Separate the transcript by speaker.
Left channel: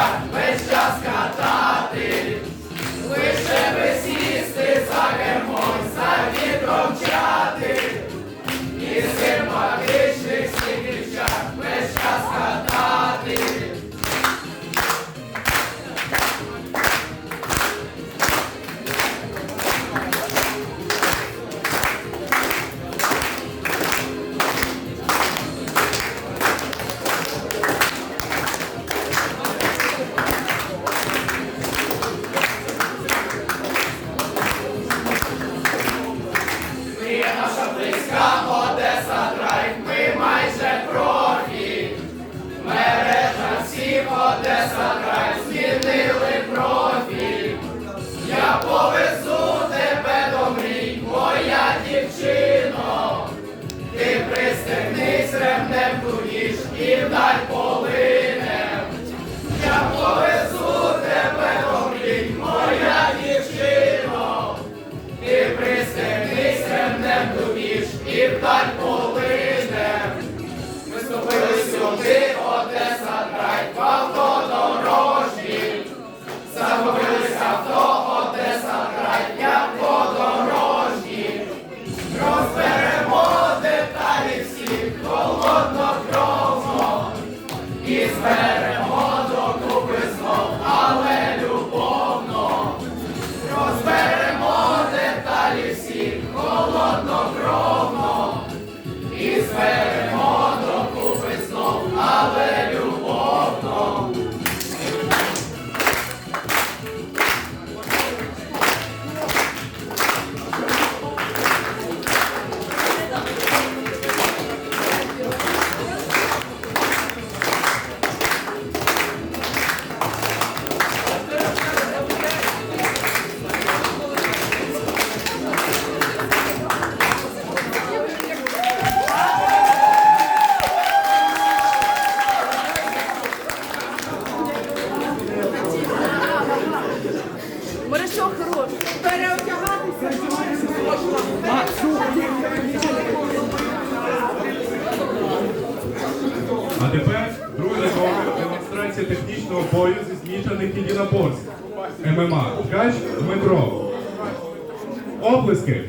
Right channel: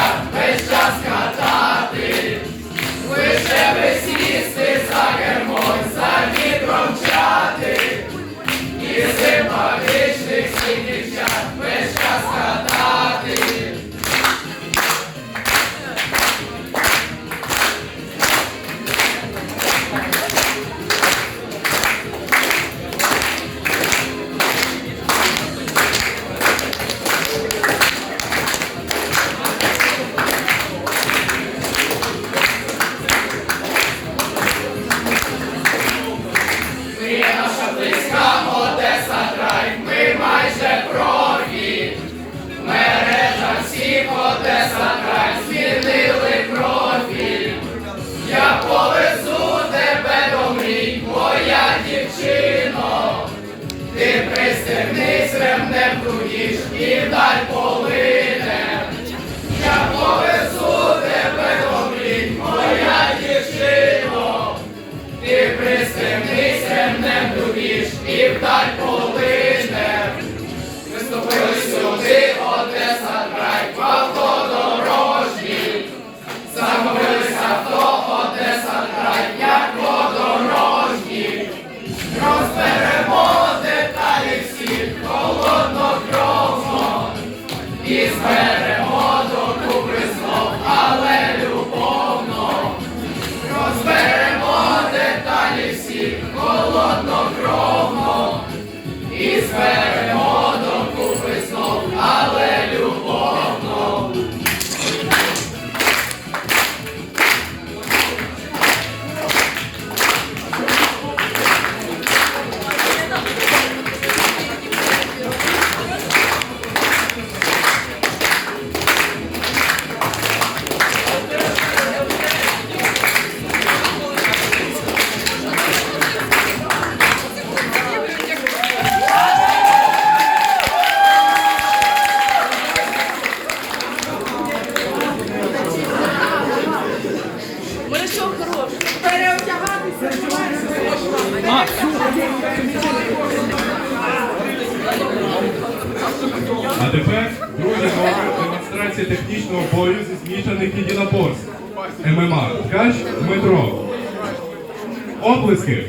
Speaker 1: Christian, Christian Ska! if thy Другий номер демонстрація технічного бою зі змішаних єдиноборств. ММА. Ткач Дмитро. Оплески.